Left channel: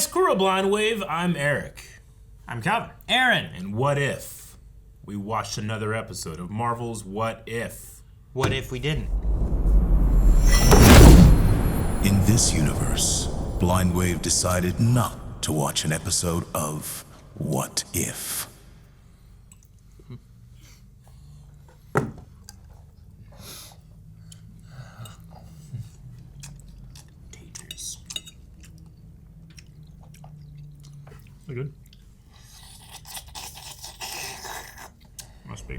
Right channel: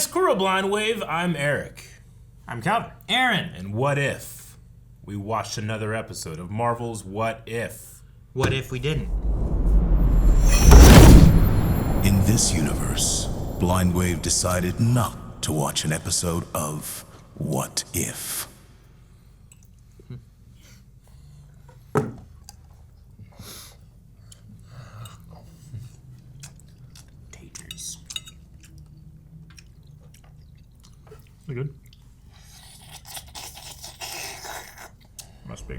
Squirrel Blind Wave, I'm Eric. I'm Calvin. Aaron. And what if we watched another episode of Marvel's What If? What if we didn't? In this universe, Blind Wave decided not to watch an episode of What If. Taters. We good? Must be.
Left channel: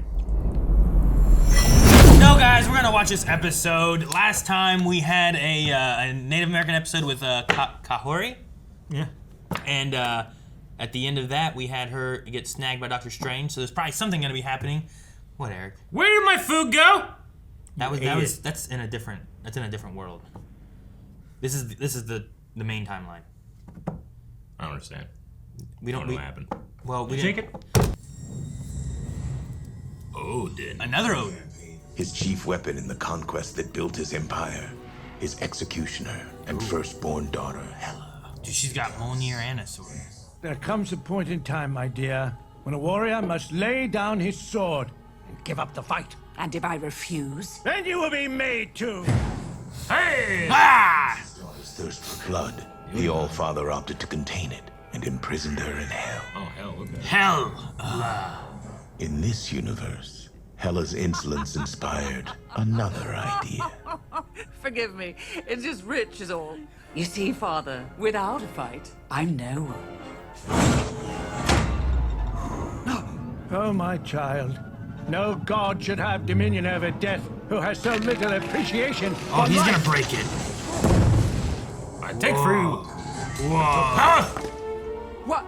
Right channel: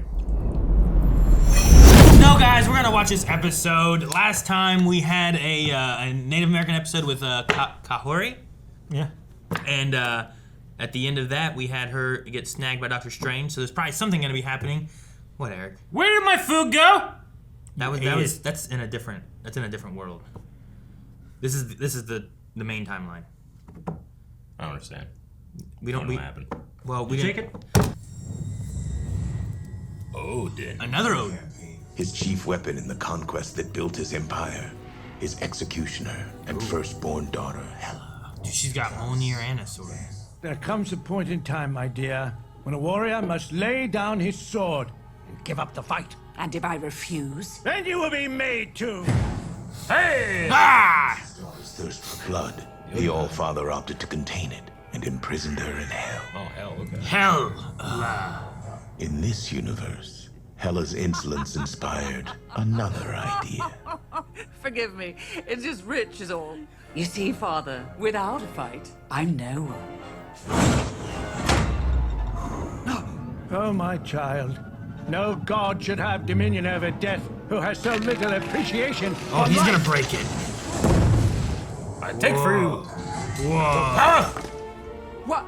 No, guys, we're gonna watch this episode. Last time we had a Native American episode with Kahori. Yeah. And at the end of that, we had her get snagged by Doctor Strange. So there's probably something gonna be happening. What, Eric? Where did my food go? That's in a different world. This is the main timeline. I don't understand. We don't know what happened. Well, we Take it. Odin. Another Odin. His chief weapon in the conquest that built his empire, his executioner and firstborn daughter, Hela. Dude, she's got Mjolnir and a sword. There comes a point in time, my dear, when a warrior must lay down his sword and give up the fight. And if I refuse? Then you will be made to. Hey! Ah! His daughter's thirst for blood, the All-Father opted to contain it and imprisoned her in hell. Oh, hell, okay. Hell. In this universe, Hela's insolence inspired another idea. Forgive me. It's just rich is all. You see, Father, without a fight, I'm no one. Oh, my child. No god should have dominion over death who has so little appreciation Oh, for he's life. gonna break it. I take for you. Whoa. What?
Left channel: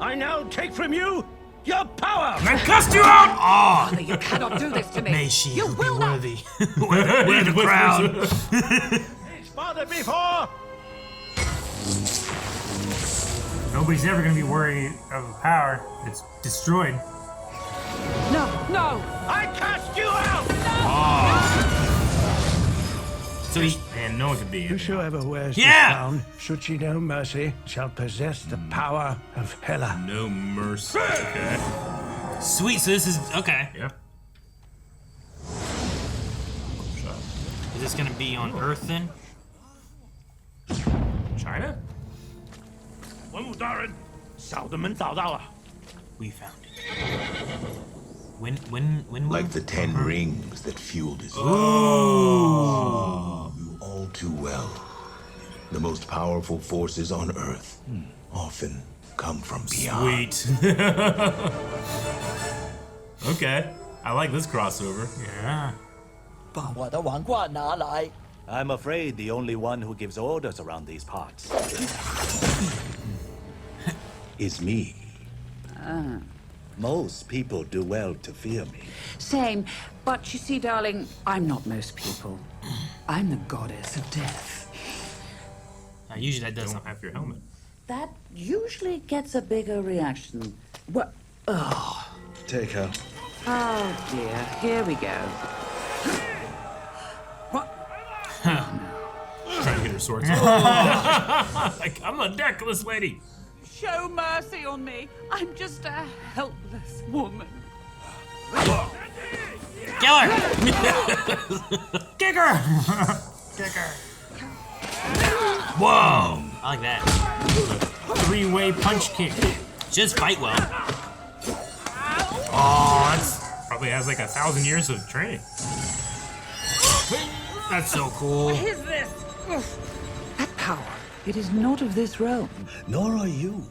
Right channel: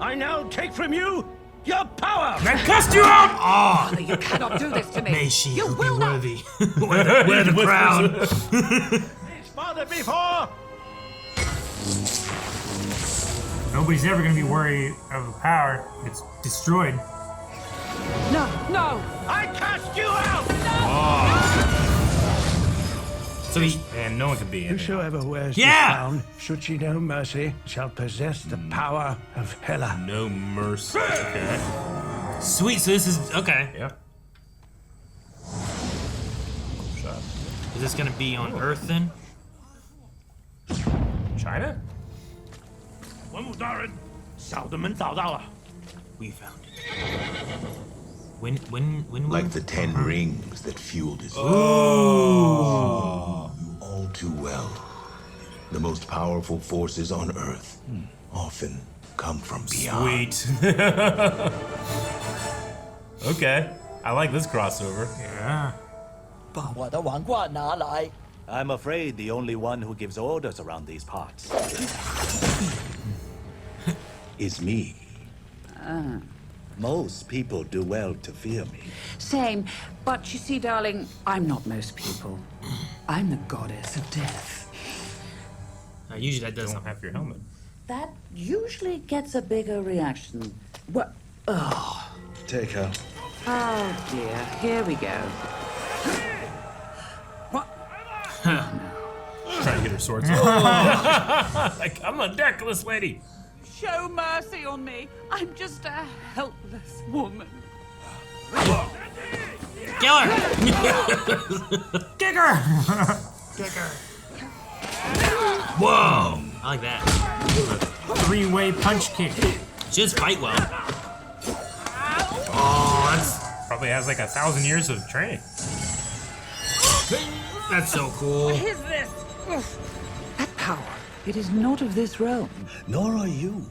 I now take from you your power. I cussed you out! Oh, Father, you cannot do this to me. may she You be will not. worthy. Wear the crown. His father before. Nobody's ever gonna be worried of power. It's destroyed. No, no. I cast you out. So he, And no one could be in. Whosoever wears Yeah. this crown, should she know mercy, shall possess the power of Hela. No mercy. Okay. sweet, so this is, okay. Yeah. Is this gonna be on Earth then? China? 文武大人，小的们找到了。 We found it. When Like the 10 rings that fueled his all too well. The most powerful forces on Earth often come from beyond. Sweet. Okay. I like this crossover. Yeah. 把我的王冠拿来。 I'm afraid the only one who gives orders around these parts is me. Most people do well to fear me. Same. But you see, darling, I'm not most people. I'm the goddess of death. usually that doesn't. Don't have your helmet. That usually gets a bigger reaction. What? Oh. Take her. Oh, dear. Here we go. What? Trying to get her swords off. Like, I'm a deckless lady. Show mercy on me. I'm just a helpless woman. Kill her! Kick her! Whoa! I like that. Three-way punch kick. She does fight well. Oh, that's probably has like 1,000 years of training. That's so cool. What is this? That power. It is not of this realm. Nor are you.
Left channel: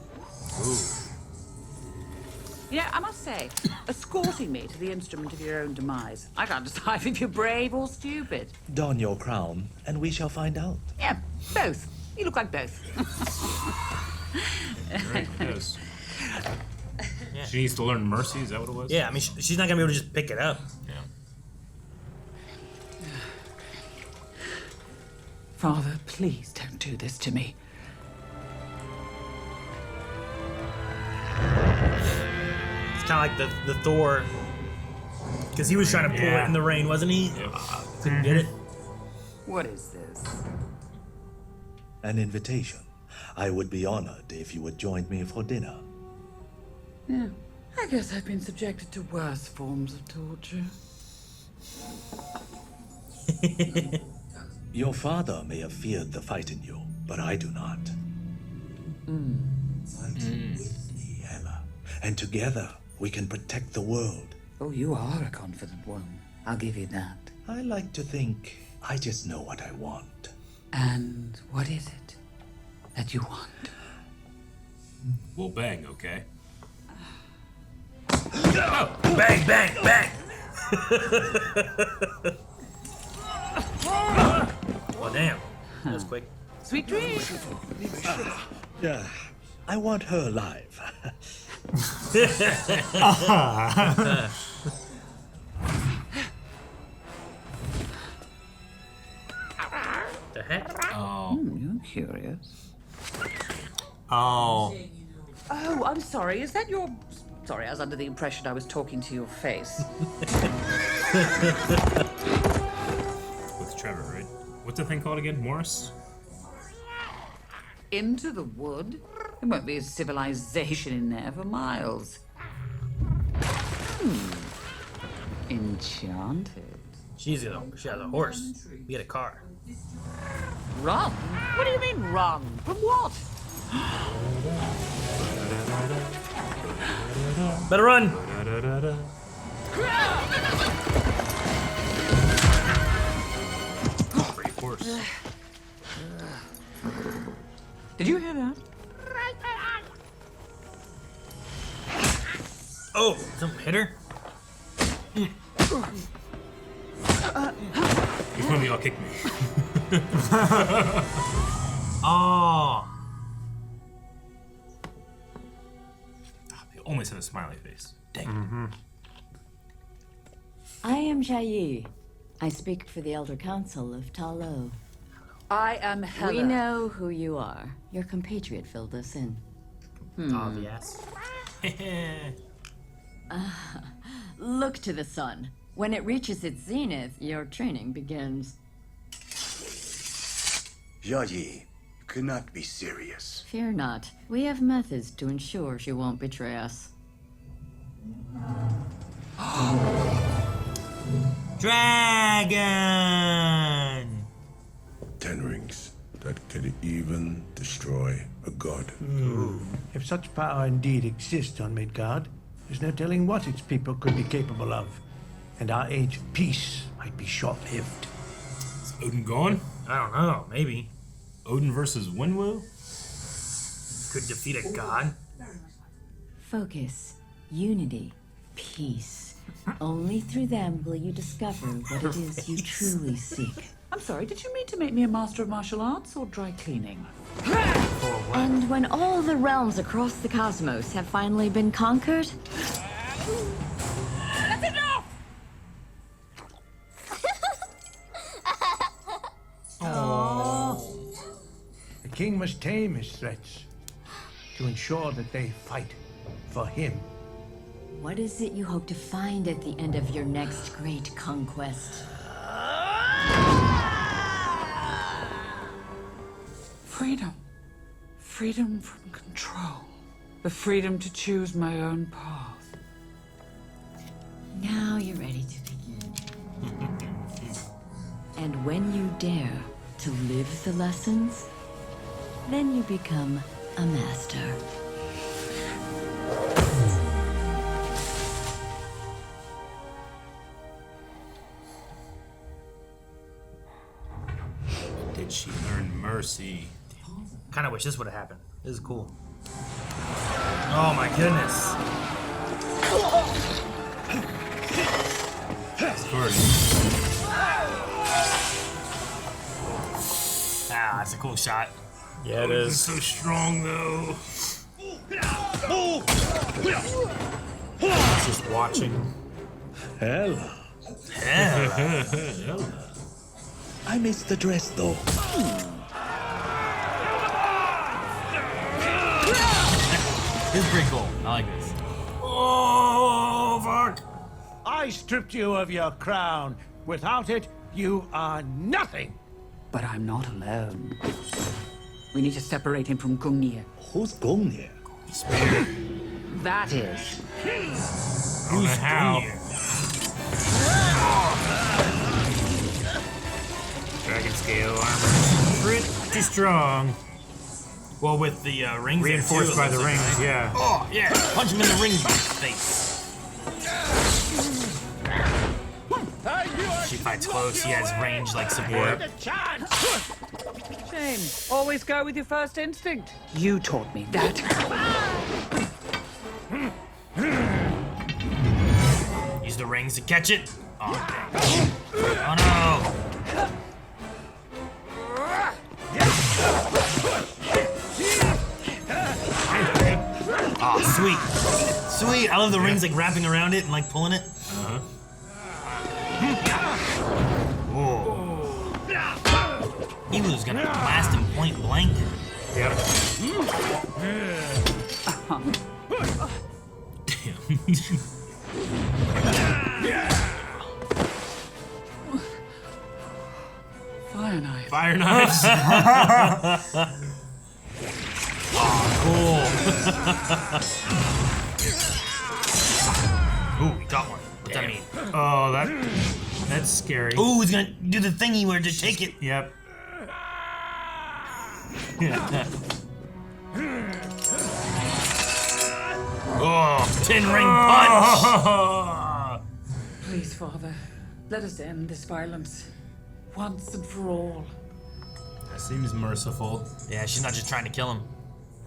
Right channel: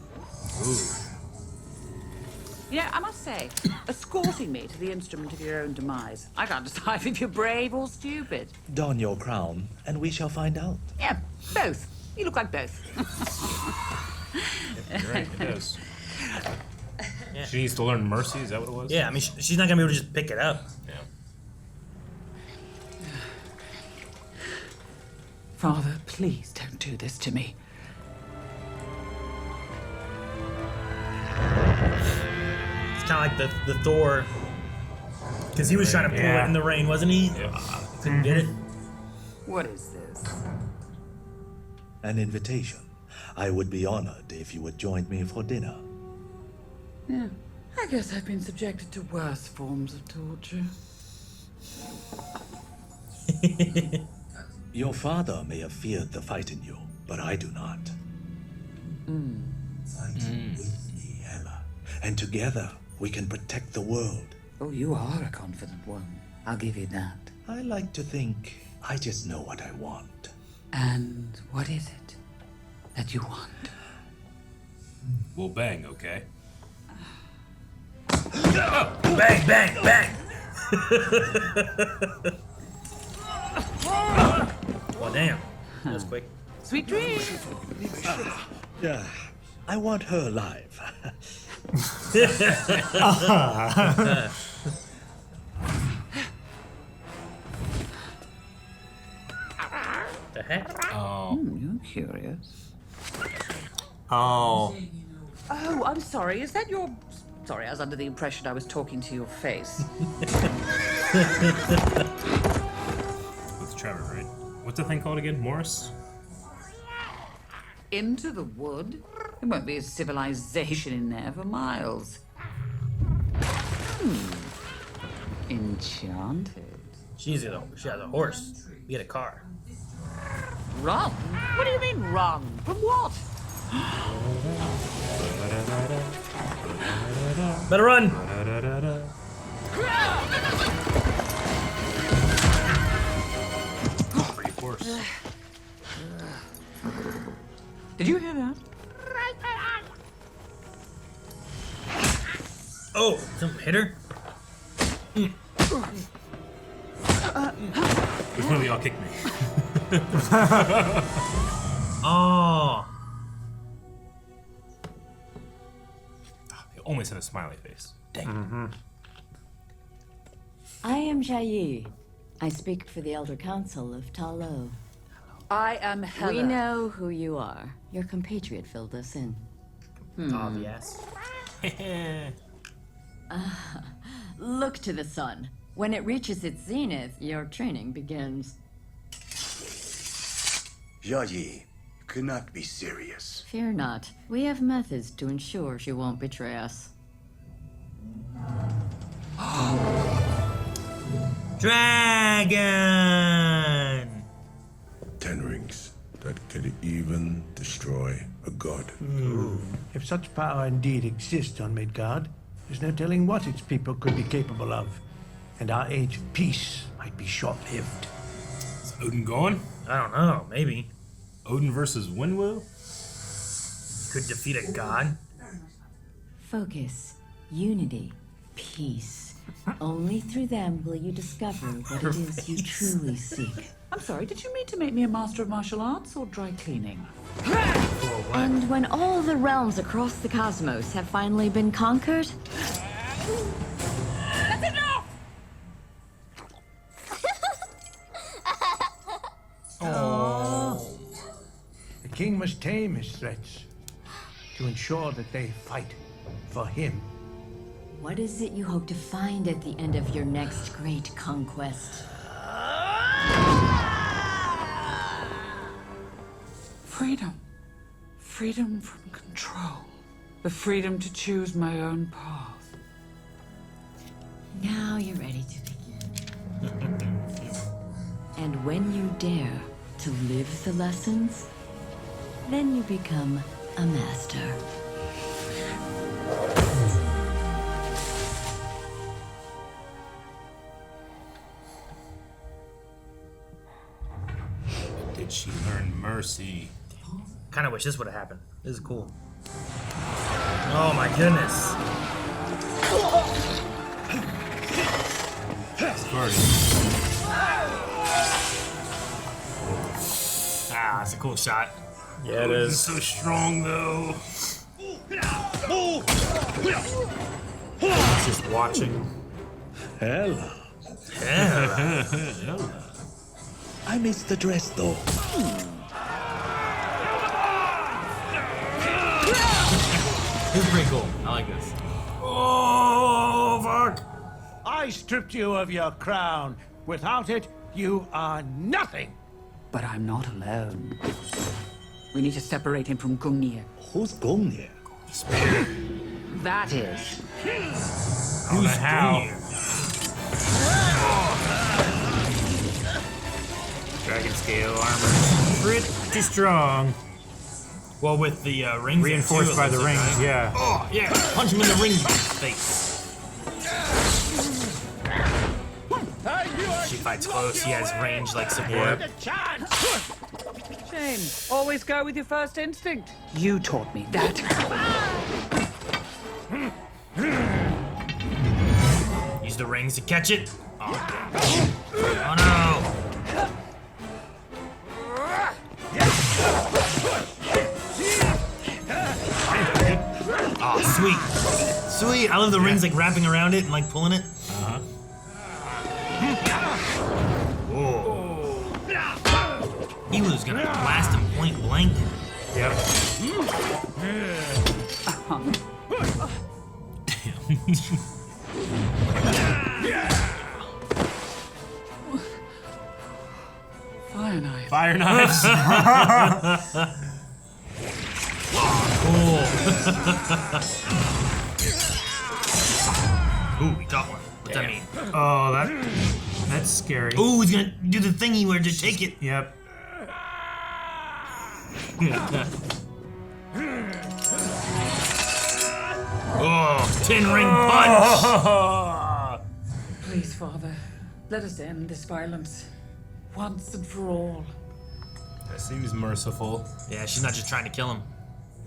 You know, I must say, escorting me to the instrument of your own demise, I can't decide if you're brave or stupid. Don your crown, and we shall find out. Yeah, both. You look like both. Right, yes. She needs to learn mercy, is that what it was? Yeah, I mean, she's not gonna be able to just pick it up. Yeah. Father, please don't do this to me. It's kind of like the Thor, because he was trying to pull it in the rain, wasn't he? Yeah. Couldn't get it. What is this? An invitation. I would be honored if you would join me for dinner. Yeah, I guess I've been subjected to worse forms of torture. Your father may have feared the fight in you, but I do not. Fight with me, Hela. And together, we can protect the world. Oh, you are a confident one. I'll give you that. I like to think I just know what I want. And what is it that you want? We'll bang, okay? Oh, bang, bang, bang! Oh, damn. That was quick. Sweet dreams! Yeah, I want her alive. The heck? You're curious. Oh. Oh, I'm sorry. Is that your... Sorry, I was under the impression I was talking to your face. With Trevor, right? What's the thing called again? Morris? Into the wood? There won't be a civilization in there for miles. Enchanted. She has a horse. We had a car. Run? What do you mean run? From what? Better run! Great horse. Did you hear that? Oh, something hit her? Which one of y'all kicked me? Oh. They always had a smiley face. Dang. I am Jai. I speak for the Elder Council of Talo. I am Hela. We know who you are. Your compatriot filled us in. Oh, yes. Look to the sun. When it reaches its zenith, your training begins. Yayi, you cannot be serious. Fear not. We have methods to ensure she won't betray us. Dragon! 10 rings that could even destroy a god. If such power indeed exists on Midgard, there's no telling what its people could be capable of. And our age of peace might be short-lived. Is Odin gone? I don't know, maybe. Odin versus Winwu? Could defeat a god. Focus, unity, peace. Only through them will you discover what it is you truly seek. I'm sorry, did you mean to make me a master of martial arts or dry cleaning? And when all the realms across the cosmos have finally been conquered, That's enough! The king must tame his threats to ensure that they fight for him. what is it you hope to find at the end of your next great conquest? Freedom. Freedom from control. The freedom to choose my own path. Now you're ready to begin. And when you dare to live the lessons, then you become a master. Did she learn mercy? Kind of wish this would have happened. This is cool. Oh my goodness. Ah, that's a cool shot. Yeah, it It's is. so strong though. Just watching. Hela. I missed the dress though. This is pretty cool. I like this. Oh, fuck! I stripped you of your crown. Without it, you are nothing. But I'm not alone. We need to separate him from Gungnir. Who's Gungnir? That is. I don't know how. Dragon scale armor. Pretty strong. Well, with the rings. Reinforced by the rings, yeah. Oh, yeah. Punch him in the ring face. She fights close. He has range like some. Yep. Shame. Always go with your first instinct. You taught me that. Use the rings to catch it. Oh, oh no. Oh, sweet. Sweet. I love the rings like wrapping around it and like pulling it. Evil's gonna blast him point blank. Yep. Fire knife. Fire knives. Ooh, we got one. What's that mean? Oh, that's scary. Ooh, he's gonna do the thingy where to take it. Yep. Oh, 10-ring punch. Please, Father, let us end this violence. Once and for all. Seems merciful. Yeah, she's not just trying to kill him.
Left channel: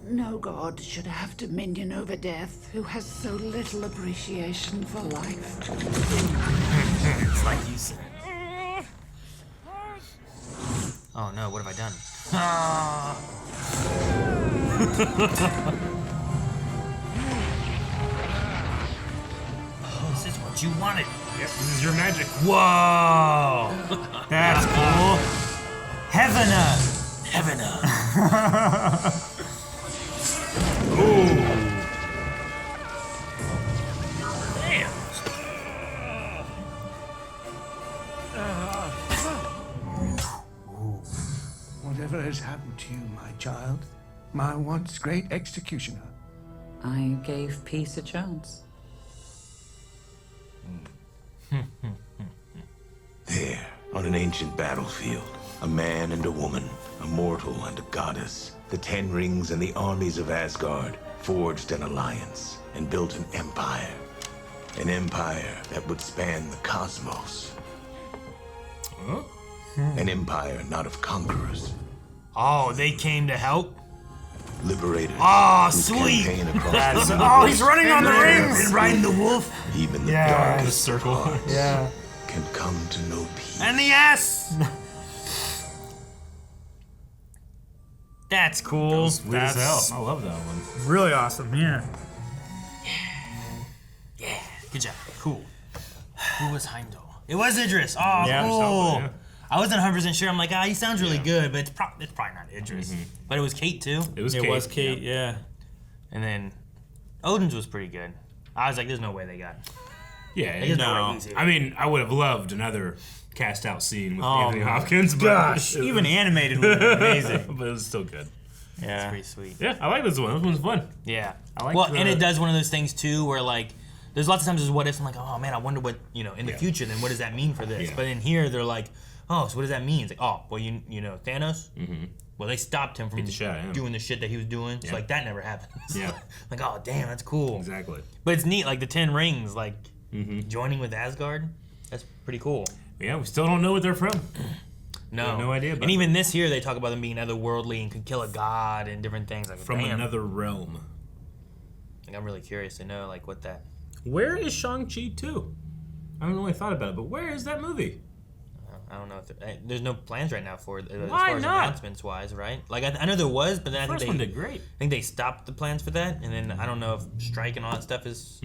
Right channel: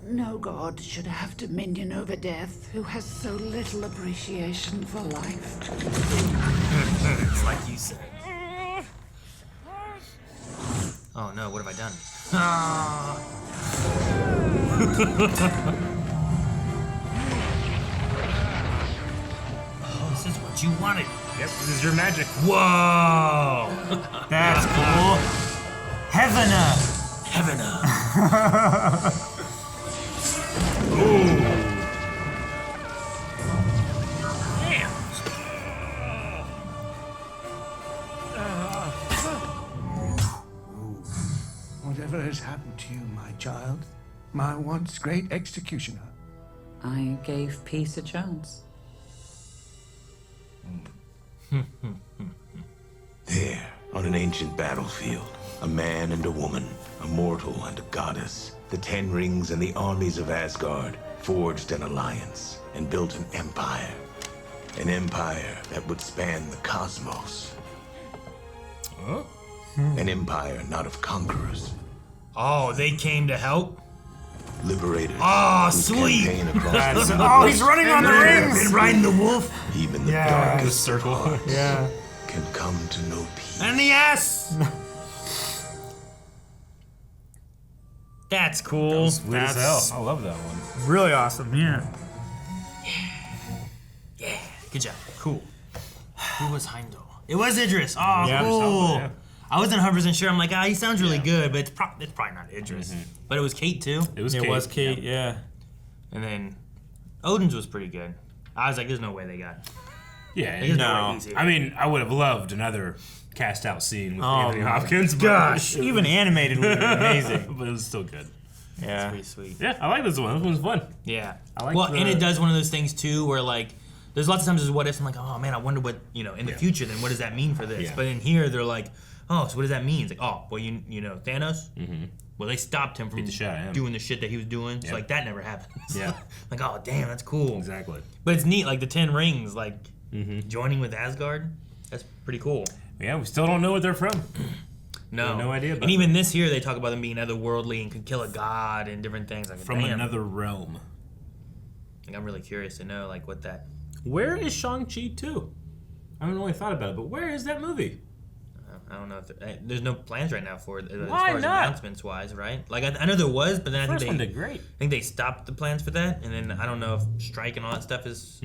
No god should have dominion over death who has so little appreciation for life. It's like you said. Oh no, what have I done? Oh, this is what you wanted. Yep, this is your magic. Whoa! That's cool. Heavena. Damn. Whatever has happened to you, my child, my once great executioner? I gave peace a chance. There, on an ancient battlefield, a man and a woman, a mortal and a goddess, the Ten Rings and the armies of Asgard forged an alliance and built an empire. An empire that would span the cosmos. An empire not of conquerors. Oh, they came to help? Liberators. Oh, whose sweet. campaign across That's, the oh, universe he's running on the rings. Riding the wolf. even the Yeah. darkest of hearts Yeah. can come to know peace. And the ass. That's cool. Sweet as hell. I love that one. Really awesome. Yeah. Yeah, good job. Cool. Who was Heimdall? It was Idris. Oh, Yeah, cool. yeah. I wasn't 100% sure. I'm like, he sounds really good, but it's probably not Idris. But it was Kate too. It was It Kate. was Kate. Yeah. And then Odin's was pretty good. I was like, there's no way they got. Yeah. There's No. way he's here. I mean, I would have loved another cast out scene with Oh, Anthony my Hopkins. But Gosh, even animated would be amazing. but it was still good. Yeah. Pretty sweet. Yeah, I like this one. This one's fun. Yeah. I like well, the- and it does one of those things too, where like, there's lots of times there's what ifs. I'm like, oh man, I wonder what in the future. Then what does that mean for this? Yeah. But in here, they're like, oh, so what does that mean? It's like, oh, well, you know, Thanos. Mm-hmm. Well, they stopped him from the shit out of him. doing the shit that he was doing. So like that never happened. Yeah. Like, oh damn, that's cool. Exactly. But it's neat, like the Ten Rings, like joining with Asgard. That's pretty cool. Yeah, we still don't know what they're from. No, have no idea about And even this here, they talk about them being otherworldly and could kill a god and different things. Like, From damn. another realm. Like, I'm really curious to know like what that. Where is Shang-Chi 2? I haven't really thought about it, but where is that movie? I don't know if there's no plans right now for it. As Why far as not? announcements wise, right? Like I know there was, but then I First think one they did great. I think they stopped the plans for that, and then I don't know if strike and all that stuff is.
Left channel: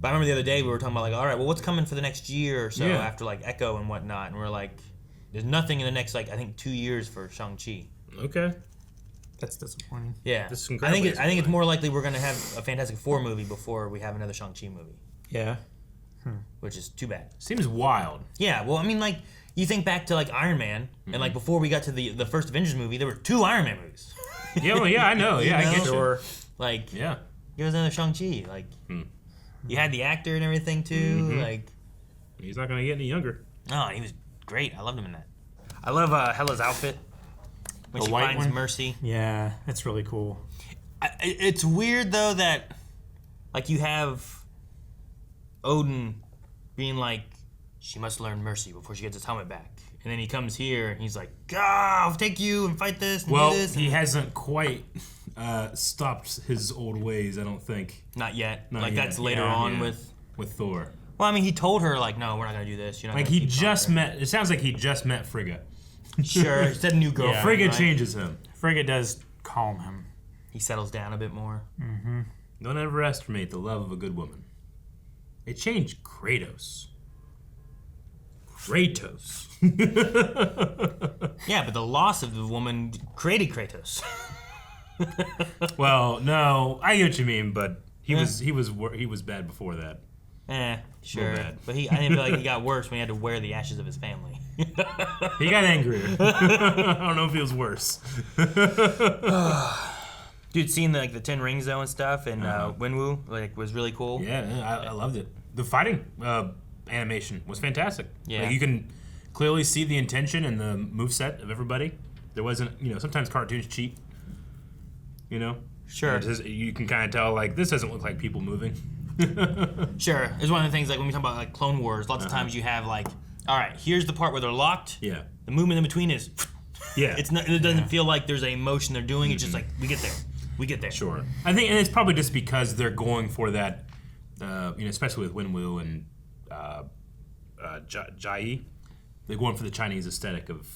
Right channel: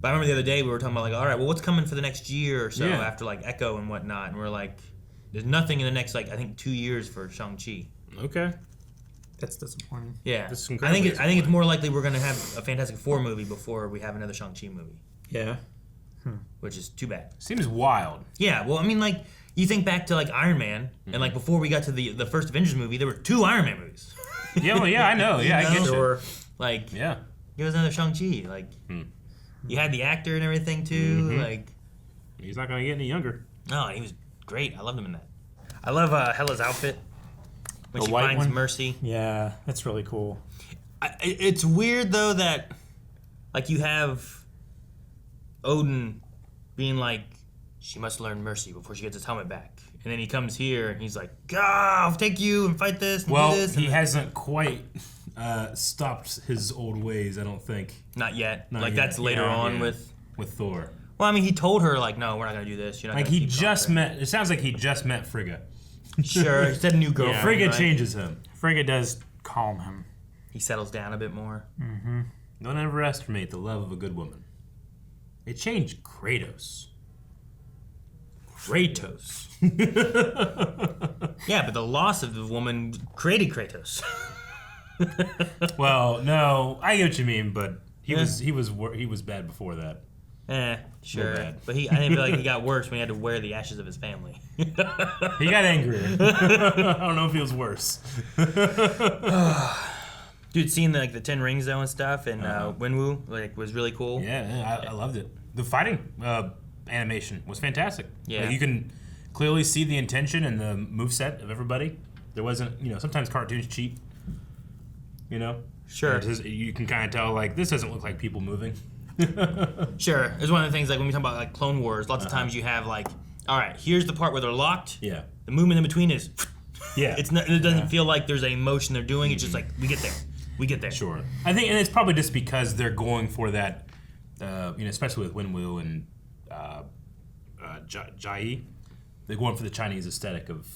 But I remember the other day we were talking about like, all right, well, what's coming for the next year or so Yeah. after like Echo and whatnot, and we're like, there's nothing in the next like I think 2 years for Shang-Chi. Okay. That's disappointing. Yeah, This is I think incredible. I think it's more likely we're gonna have a Fantastic Four movie before we have another Shang-Chi movie, Yeah. which is too bad. Seems wild. Yeah, well, I mean, like, you think back to, like, Iron Man, and, like, before we got to the first Avengers movie, there were 2 Iron Man movies. Yeah, well, yeah, I know. Yeah, I get you. Sure. Like, Yeah. he was another Shang Chi. Like, you had the actor and everything too. Like, He's not going to get any younger. no, he was great. I loved him in that. I love Hela's outfit when The she white finds one? Mercy. Yeah, that's really cool. It's weird though that, like, you have Odin being like, she must learn mercy before she gets his helmet back, and then he comes here and he's like, I'll take you and fight this. And Well, do this. he hasn't quite stopped his old ways, I don't think. Not yet. Not like yet. that's later Yeah. on Yeah. with. Thor. Well, I mean, he told her like, no, we're not gonna do this. You're not Like, gonna he keep just talking. met, it sounds like he just met Frigga. Sure, he said new girlfriend. Yeah. Frigga right? changes him. Frigga does calm him. He settles down a bit more. Don't underestimate the love of a good woman. It changed Kratos. Yeah, but the loss of the woman created Kratos. Well, no, I get what you mean, but he was bad before that. Sure. bad. But I didn't feel like he got worse when he had to wear the ashes of his family. He got angrier. I don't know if he was worse. Dude, seeing the 10 rings though and stuff, and Wenwu was really cool. Yeah, I loved it. The fighting animation was fantastic. Yeah. Like, you can clearly see the intention and the moveset of everybody. There wasn't, sometimes cartoons cheat. Sure. And you can kind of tell, like, this doesn't look like people moving. Sure. It's one of the things, like, when we talk about, like, Clone Wars, lots of times you have, like, all right, here's the part where they're locked. Yeah. The movement in between is... Yeah. It doesn't feel like there's a motion they're doing. It's just like, we get there. We get there. Sure. I think, and it's probably just because they're going for that, especially with Wenwu and Jai, they're going for the Chinese aesthetic of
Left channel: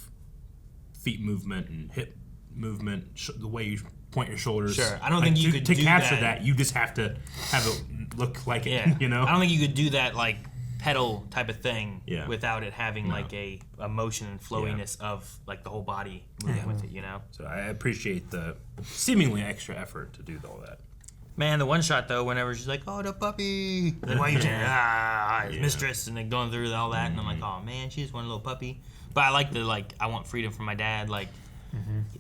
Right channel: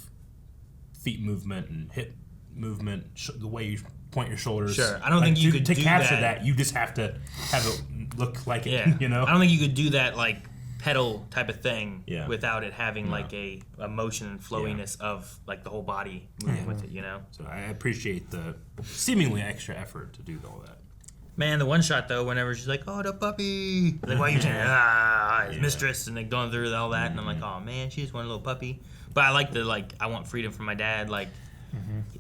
feet movement and hip movement, the way you point your shoulders. Sure. I don't think you could to do capture that. You just have to have it look like it. Yeah. I don't think you could do that, like, pedal type of thing Yeah. without it having, like, a motion and flowiness of, like, the whole body moving with it, So I appreciate the seemingly extra effort to do all that. Man, the one shot though, whenever she's like, "Oh, the puppy," like, why are you his mistress, and like going through all that, and I'm like, "Oh man, she just wanted a little puppy." But I like the I want freedom from my dad. Like,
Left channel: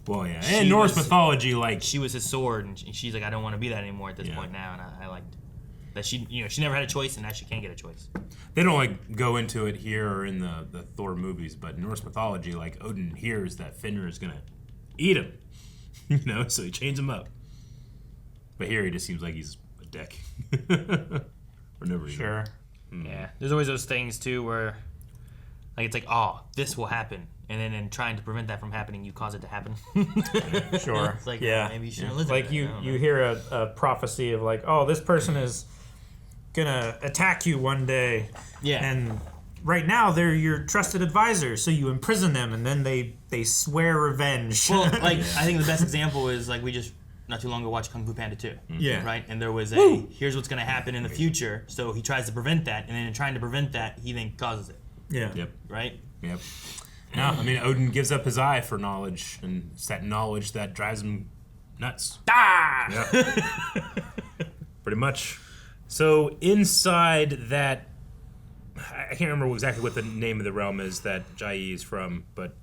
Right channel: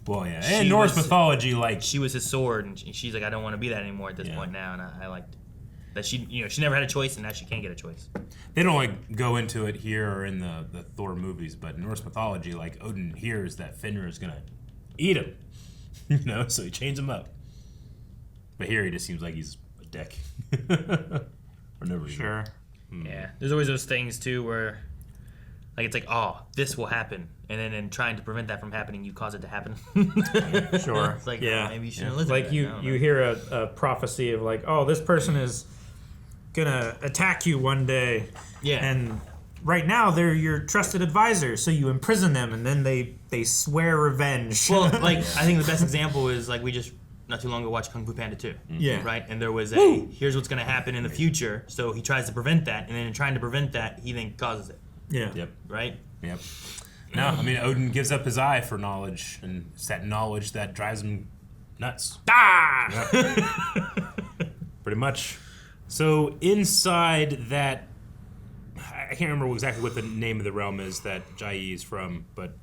Well, yeah, She and Norse was- mythology, like, she was his sword, and she's like, "I don't want to be that anymore at this point now." And I liked that she never had a choice, and now she can't get a choice. they don't like go into it here or in the Thor movies, but in Norse mythology, like, Odin hears that Fenrir is gonna eat him, so he chains him up. But here he just seems like he's a dick. For no reason. Sure. Yeah, there's always those things too where, like, it's like, "Oh, this will happen," and then in trying to prevent that from happening, you cause it to happen. Sure. It's like, Yeah. maybe you shouldn't listen. Like to you hear a prophecy of like, oh, this person is gonna attack you one day. Yeah. And right now they're your trusted advisor, so you imprison them and then they swear revenge. Well, like, I think the best example is, like, we just not too long ago watched Kung Fu Panda 2. Yeah. Right? And there was here's what's going to happen in the future, so he tries to prevent that, and then in trying to prevent that, he then causes it. Yeah. Yep. Right? Yep. No, I mean, Odin gives up his eye for knowledge, and it's that knowledge that drives him nuts. Ah! Yep. Pretty much. So inside that, I can't remember exactly what the name of the realm is that Jai is from, but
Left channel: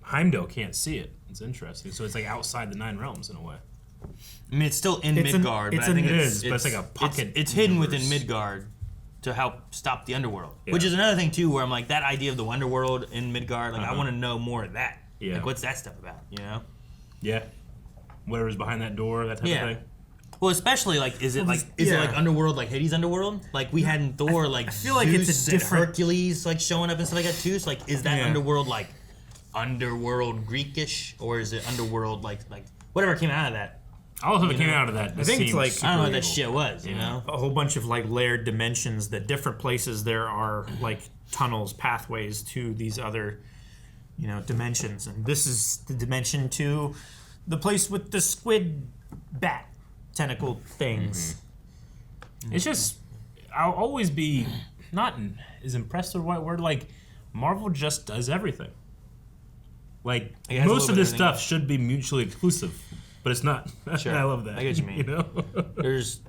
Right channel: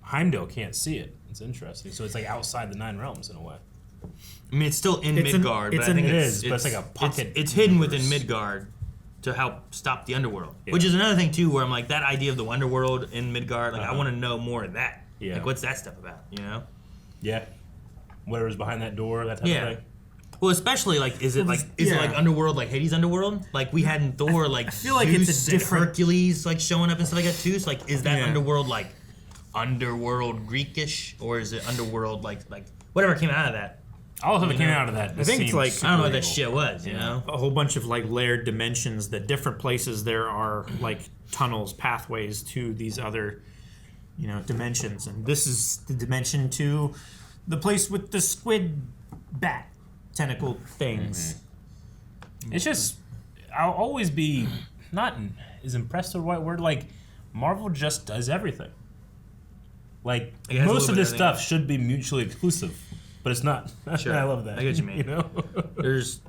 Heimdall can't see it. It's interesting. So it's like outside the 9 realms in a way. I mean, it's still in It's Midgard, it's but I in- think It is, but it's like a pocket It's hidden within universe. Midgard to help stop the underworld, Yeah. which is another thing too, where I'm like, that idea of the underworld in Midgard, like, I want to know more of that. Yeah. Like, what's that stuff about? Yeah. Whatever's behind that door, that type Yeah. of thing. Well, especially, like, is it this- like yeah. underworld, like Hades' underworld? Like, we had in Thor, like, I feel like it's a Zeus different- and Hercules, like, showing up and stuff like that too. So, like, is that Yeah. underworld like underworld Greekish, or is it underworld like whatever came out of that? All of it came out of that. I think it's seems like- super I don't know what that evil. shit was, you know? a whole bunch of like layered dimensions that different places there are like tunnels, pathways to these other, dimensions. And this is the dimension to the place with the squid bat tentacle things. It's just, I'll always be not is impressed the right word. Like, Marvel just does everything. Like, It has a most little of bit this of stuff should be mutually exclusive, but it's not. Sure. I love that. I get what you mean. You know? There's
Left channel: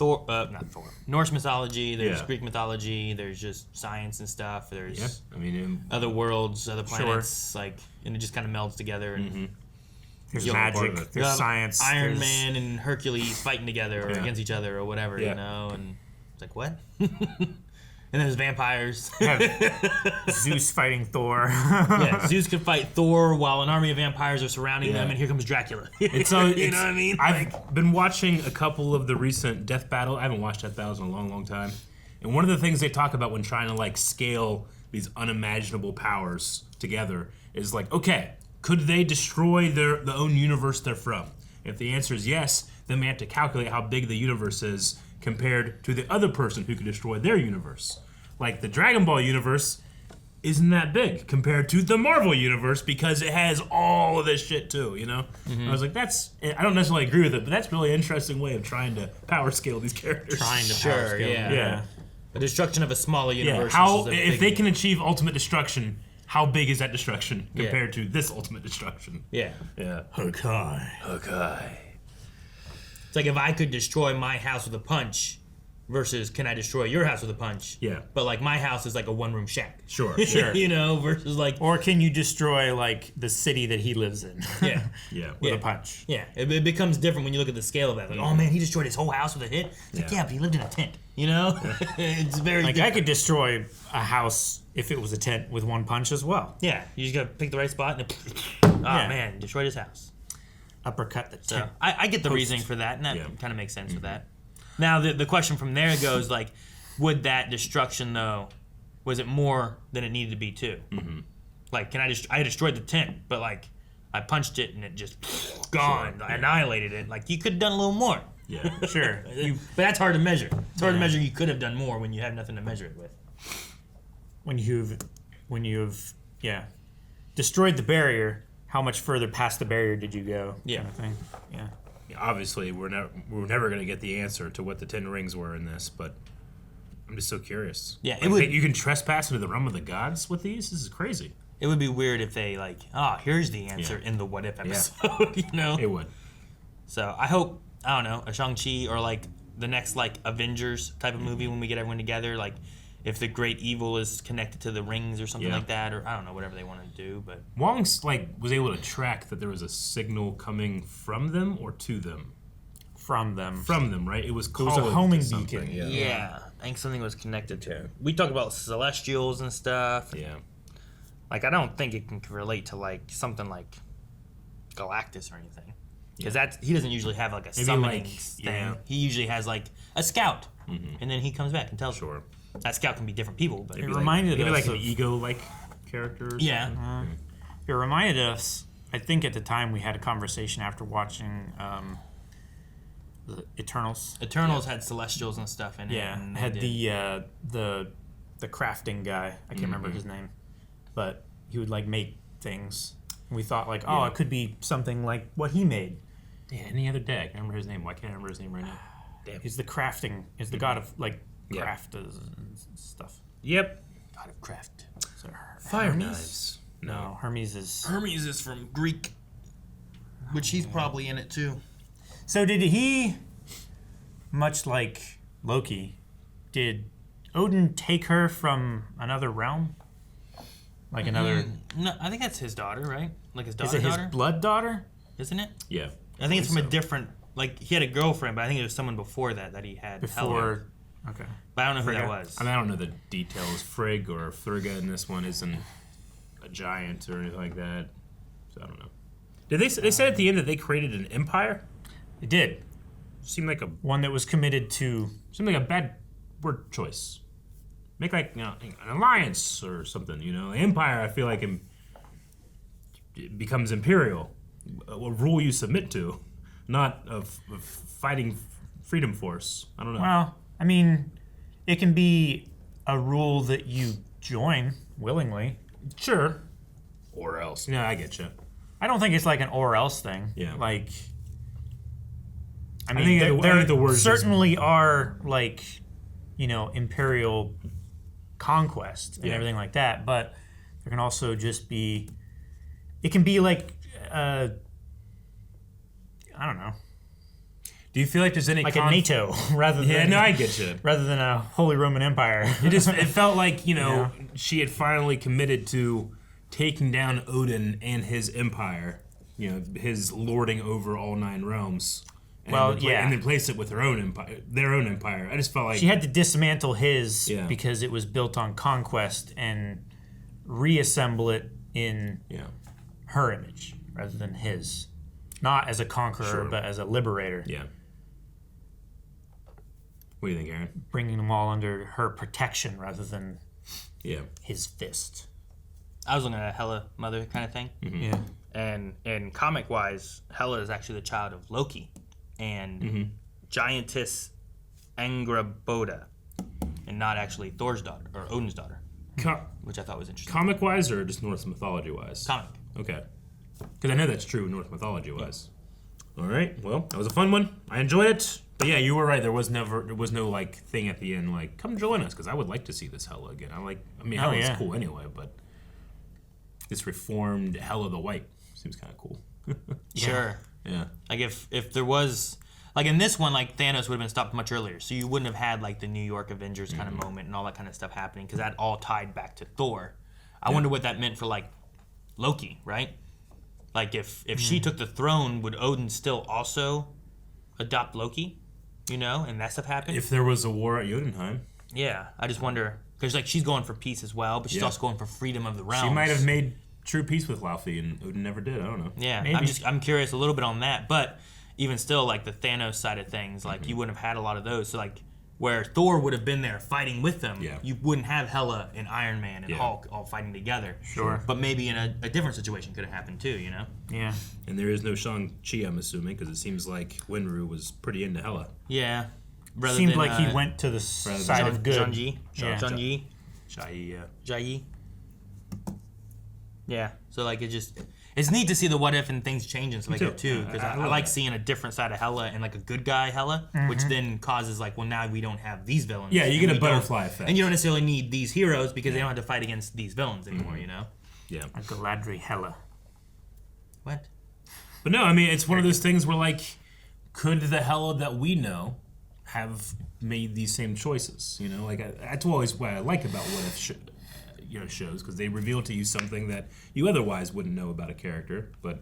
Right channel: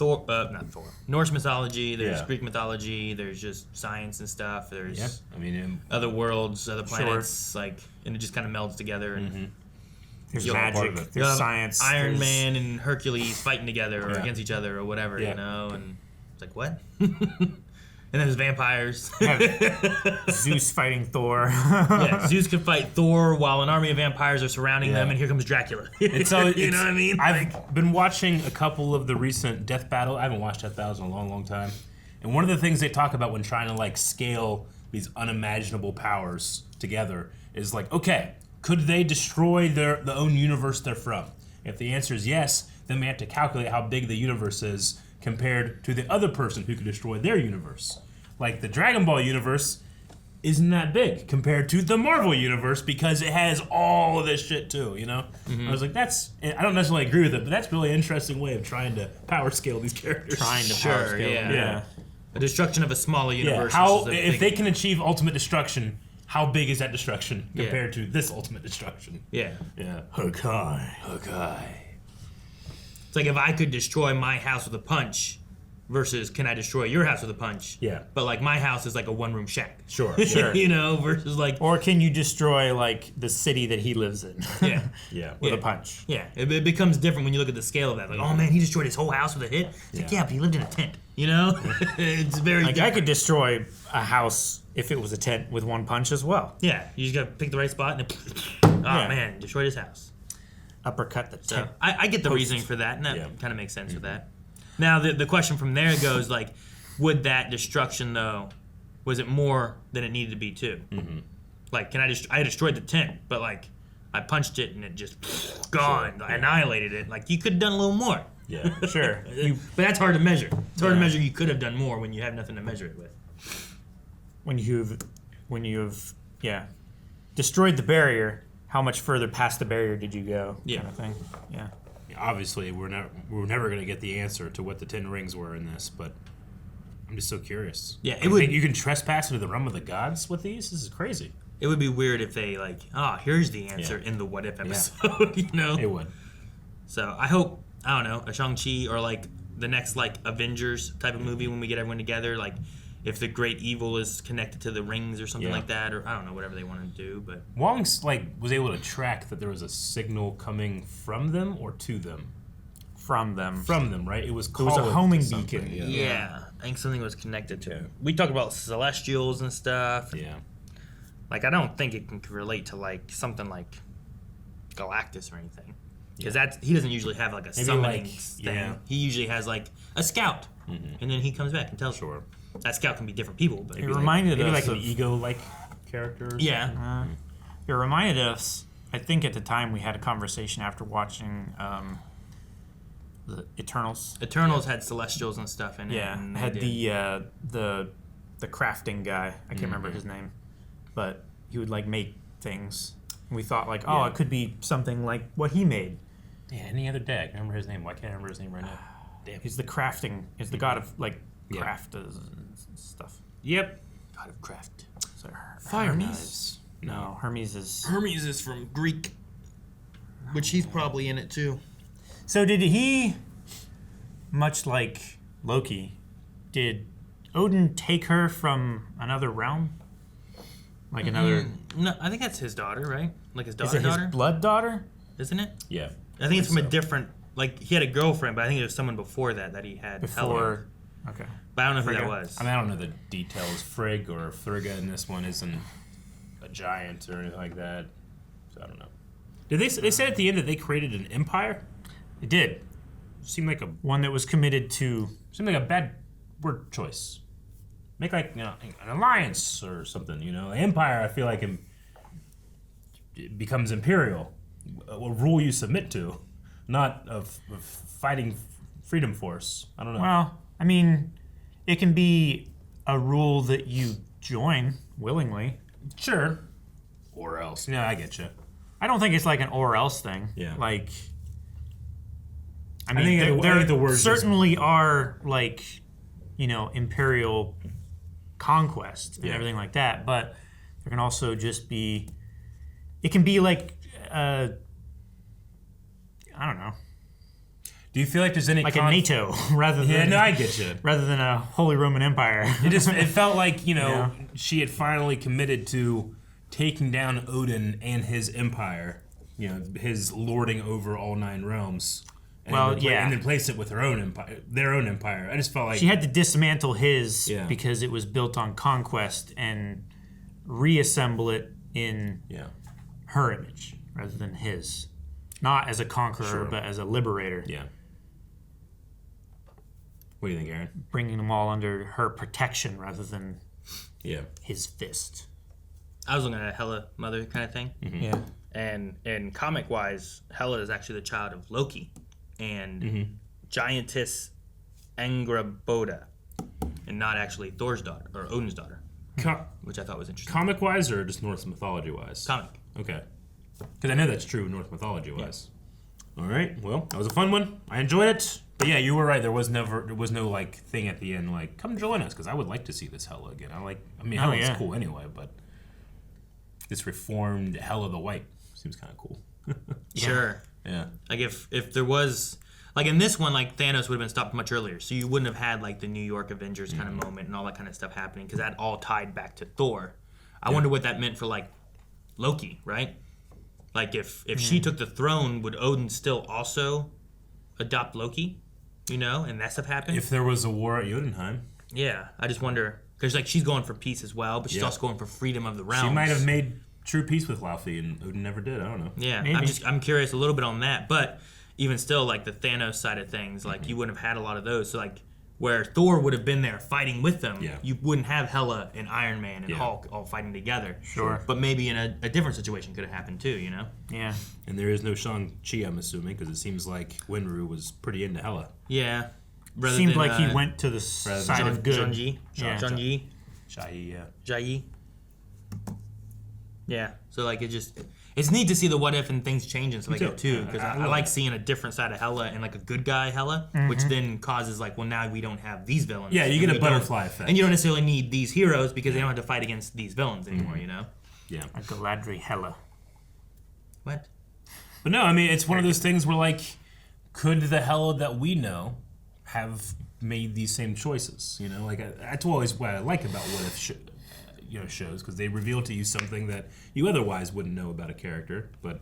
not Thor. Norse mythology, there's Yeah. Greek mythology, there's just science and stuff, there's Yeah. I mean, other worlds, other planets, like, and it just kind of melds together. And There's You'll- magic. part of it. There's You'll have science. Iron there's, Man and Hercules fighting together or Yeah. against each other or whatever, Yeah. you know, and it's like what? And then there's vampires. Zeus fighting Thor. Yeah, Zeus can fight Thor while an army of vampires are surrounding them, and here comes Dracula. It's so you know what I mean? I've been watching a couple of the recent Death Battle. I haven't watched Death Battles in a long, long time. And one of the things they talk about when trying to like scale these unimaginable powers together is like, okay, could they destroy the own universe they're from? If the answer is yes, then we have to calculate how big the universe is compared to the other person who could destroy their universe. Like the Dragon Ball universe isn't that big compared to the Marvel universe because it has all of this shit too, you know? I was like, I don't necessarily agree with it, but that's a really interesting way of trying to power scale these characters. Trying to power Sure, scale. yeah. The destruction of a smaller Yeah, universe. how versus a if big- they can achieve ultimate destruction, how big is that destruction compared to this ultimate destruction? Yeah. Yeah. Okay. Okay. It's like if I could destroy my house with a punch versus can I destroy your house with a punch? Yeah. But like my house is like a one-room shack. Sure. Sure. You know, versus like Or can you destroy like the city that he lives in yeah. Yeah. with a punch? Yeah, it becomes different when you look at the scale of that. Like, oh man, he destroyed his whole house with a hit. It's like, yeah, but he lived in a tent. You know, it's very Like I different. could destroy a house if it was a tent with one punch as well. Yeah, you just gotta pick the right spot and oh Yeah. man, destroyed his house. Uppercut the So tent. I get the Post. reasoning for that, and that Yeah. kind of makes sense with that. Now the question from there goes like, would that destruction though, was it more than it needed to be too? Mm-hmm. Like, can I destroyed the tent, but like I punched it and it just gone, annihilated it. Like you could have done a little more. Yeah. Sure. But that's hard to measure. It's hard to measure. You could have done more when you have nothing to measure it with. when you've destroyed the barrier, how much further past the barrier did you go? Yeah. Kind of thing. Yeah. Obviously, we're never going to get the answer to what the 10 rings were in this, but I'm just so curious. Yeah, it You would- think you can trespass into the realm of the gods with these? This is crazy. It would be weird if they like, here's the answer in the what if episode, you know? It would. So I hope, I don't know, a Shang Chi or like the next like Avengers type of movie when we get everyone together, like if the great evil is connected to the rings or something Yeah. like that, or I don't know, whatever they want to do. But Wong's like was able to track that there was a signal coming from them or to them. From them. From them, right? It was It was calling a homing to something, beacon. Yeah. yeah, I think something was connected to it. We talked about celestials and stuff. Yeah. Like I don't think it can relate to like something like Galactus or anything. Because he doesn't usually have like a Maybe summoning like- thing. yeah. He usually has like a scout, and then he comes back and tells you. Sure. That scout can be different people, but It reminded Maybe us like of, an ego-like character. Or yeah, something. it reminded us. I think at the time we had a conversation after watching the Eternals. Eternals had celestials and stuff in it. Yeah, and they had did- the crafting guy. I can't remember his name, but he would like make things. And we thought like, oh, it could be something like what he made. Yeah, any other day. I can't remember his name. Why can't I remember his name right now? Damn. He's the crafting. He's the god of like Yeah. craft and stuff. Yep. God of craft. So Fire Hermes? knives. No, Hermes is. Hermes is from Greek, which he's probably in it too. So did he, much like Loki, did Odin take her from another realm? Like another? No, I think that's his daughter, right? Like his Is daughter, it his blood daughter? isn't it? Yeah. I think it's from believe a different. Like he had a girlfriend, but I think it was someone before that he had. Before. Okay. But I don't know who Frigga? that was. I mean, I don't know the details. Frigg or Frigga in this one isn't a giant or anything like that. So I don't know. Did they said at the end that they created an empire? It did. Seemed like One that was committed to. a bad word choice. Make like an alliance or something. You know, empire. I feel like it becomes imperial, a rule you submit to, not of fighting freedom force. I don't know. Well, I mean, it can be a rule that you join willingly. Sure. Or else. Yeah, I get you. I don't think it's like an or else thing. Yeah. Like, I I mean, think there the word certainly are like, imperial conquest and everything like that, but there can also just be. It can be like, I don't know, Do you feel like there's any like a NATO rather Yeah, than no, I get you. rather than a Holy Roman Empire. It felt like Yeah. she had finally committed to taking down Odin and his empire. his lording over all 9 realms. And and replace it with their own empire. I just felt like she had to dismantle his because it was built on conquest and reassemble it in her image rather than his, not as a conqueror but as a liberator. Yeah. What do you think, Aaron? Bringing them all under her protection rather than his fist. I was looking at a Hela mother kind of thing. Mm-hmm. Yeah. And comic-wise, Hela is actually the child of Loki and giantess Angraboda, and not actually Thor's daughter or Odin's daughter, which I thought was interesting. Comic-wise or just Norse mythology-wise? Comic. Okay. Because I know that's true Norse mythology-wise. All right. Well, that was a fun one. I enjoyed it. But yeah, you were right. There was no like thing at the end like, come join us, because I would like to see this Hela again. Hela's cool anyway, but this reformed Hela the White seems kind of cool. Sure. Yeah. Like if there was like in this one, like Thanos would have been stopped much earlier, so you wouldn't have had like the New York Avengers kind of moment and all that kind of stuff happening, because that all tied back to Thor. I wonder what that meant for like Loki, right? Like if she took the throne, would Odin still also adopt Loki? And that stuff happened. If there was a war at Jotunheim. Yeah, I just wonder, because like she's going for peace as well, but she's also going for freedom of the realms. She might have made true peace with Laufey, and Odin never did. I don't know. Yeah, maybe. I'm curious a little bit on that, but even still, like the Thanos side of things, like you wouldn't have had a lot of those. So like where Thor would have been there fighting with them, you wouldn't have Hela and Iron Man and Hulk all fighting together. Sure. But maybe in a different situation could have happened too, Yeah. And there is no Shang Chi, I'm assuming, because it seems like Winru was pretty into Hela. Yeah. Seemed like he went to the side of good. Shang-Chi. Yeah. Shang-Chi. Jai. Yeah. So like it's neat to see the what if and things change and stuff like that too, because I like seeing a different side of Hela and like a good guy Hela, which then causes like, well, now we don't have these villains. Yeah, you get a butterfly effect, and you don't necessarily need these heroes because they don't have to fight against these villains anymore. Yeah. A Galadriel Hela. What? But no, I mean it's one of those things where like, could the Hela that we know have made these same choices? Like that's always what I like about what if shows, because they reveal to you something that you otherwise wouldn't know about a character. But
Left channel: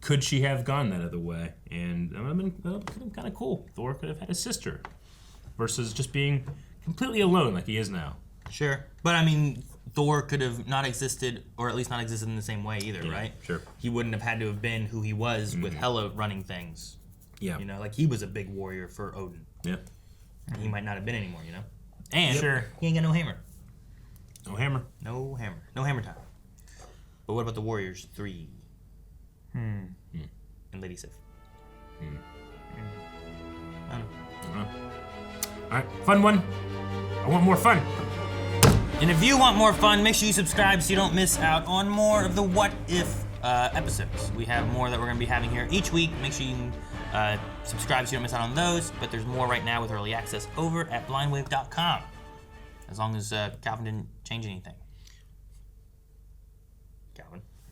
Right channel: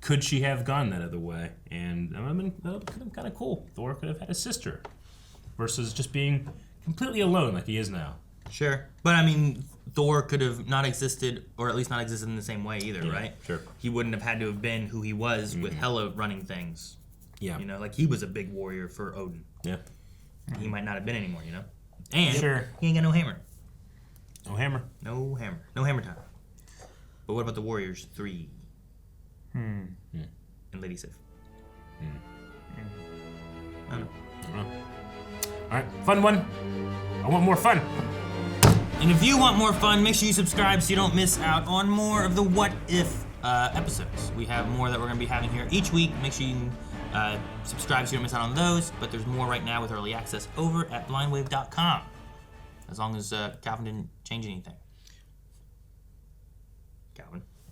could she have gone that other way? And that would have been kind of cool. Thor could have had a sister versus just being completely alone like he is now. Sure, but I mean, Thor could have not existed, or at least not existed in the same way either, right? Sure. He wouldn't have had to have been who he was with Hela running things. Yeah. Like he was a big warrior for Odin. Yeah. He might not have been anymore, And Sure. he ain't got no hammer. No hammer. No hammer. No hammer time. But what about the Warriors 3? And Lady Sif? I don't know. Alright, fun one. I want more fun. And if you want more fun, make sure you subscribe so you don't miss out on more of the What If episodes. We have more that we're going to be having here each week. Make sure you subscribe so you don't miss out on those. But there's more right now with early access over at blindwave.com. As long as Calvin didn't change anything.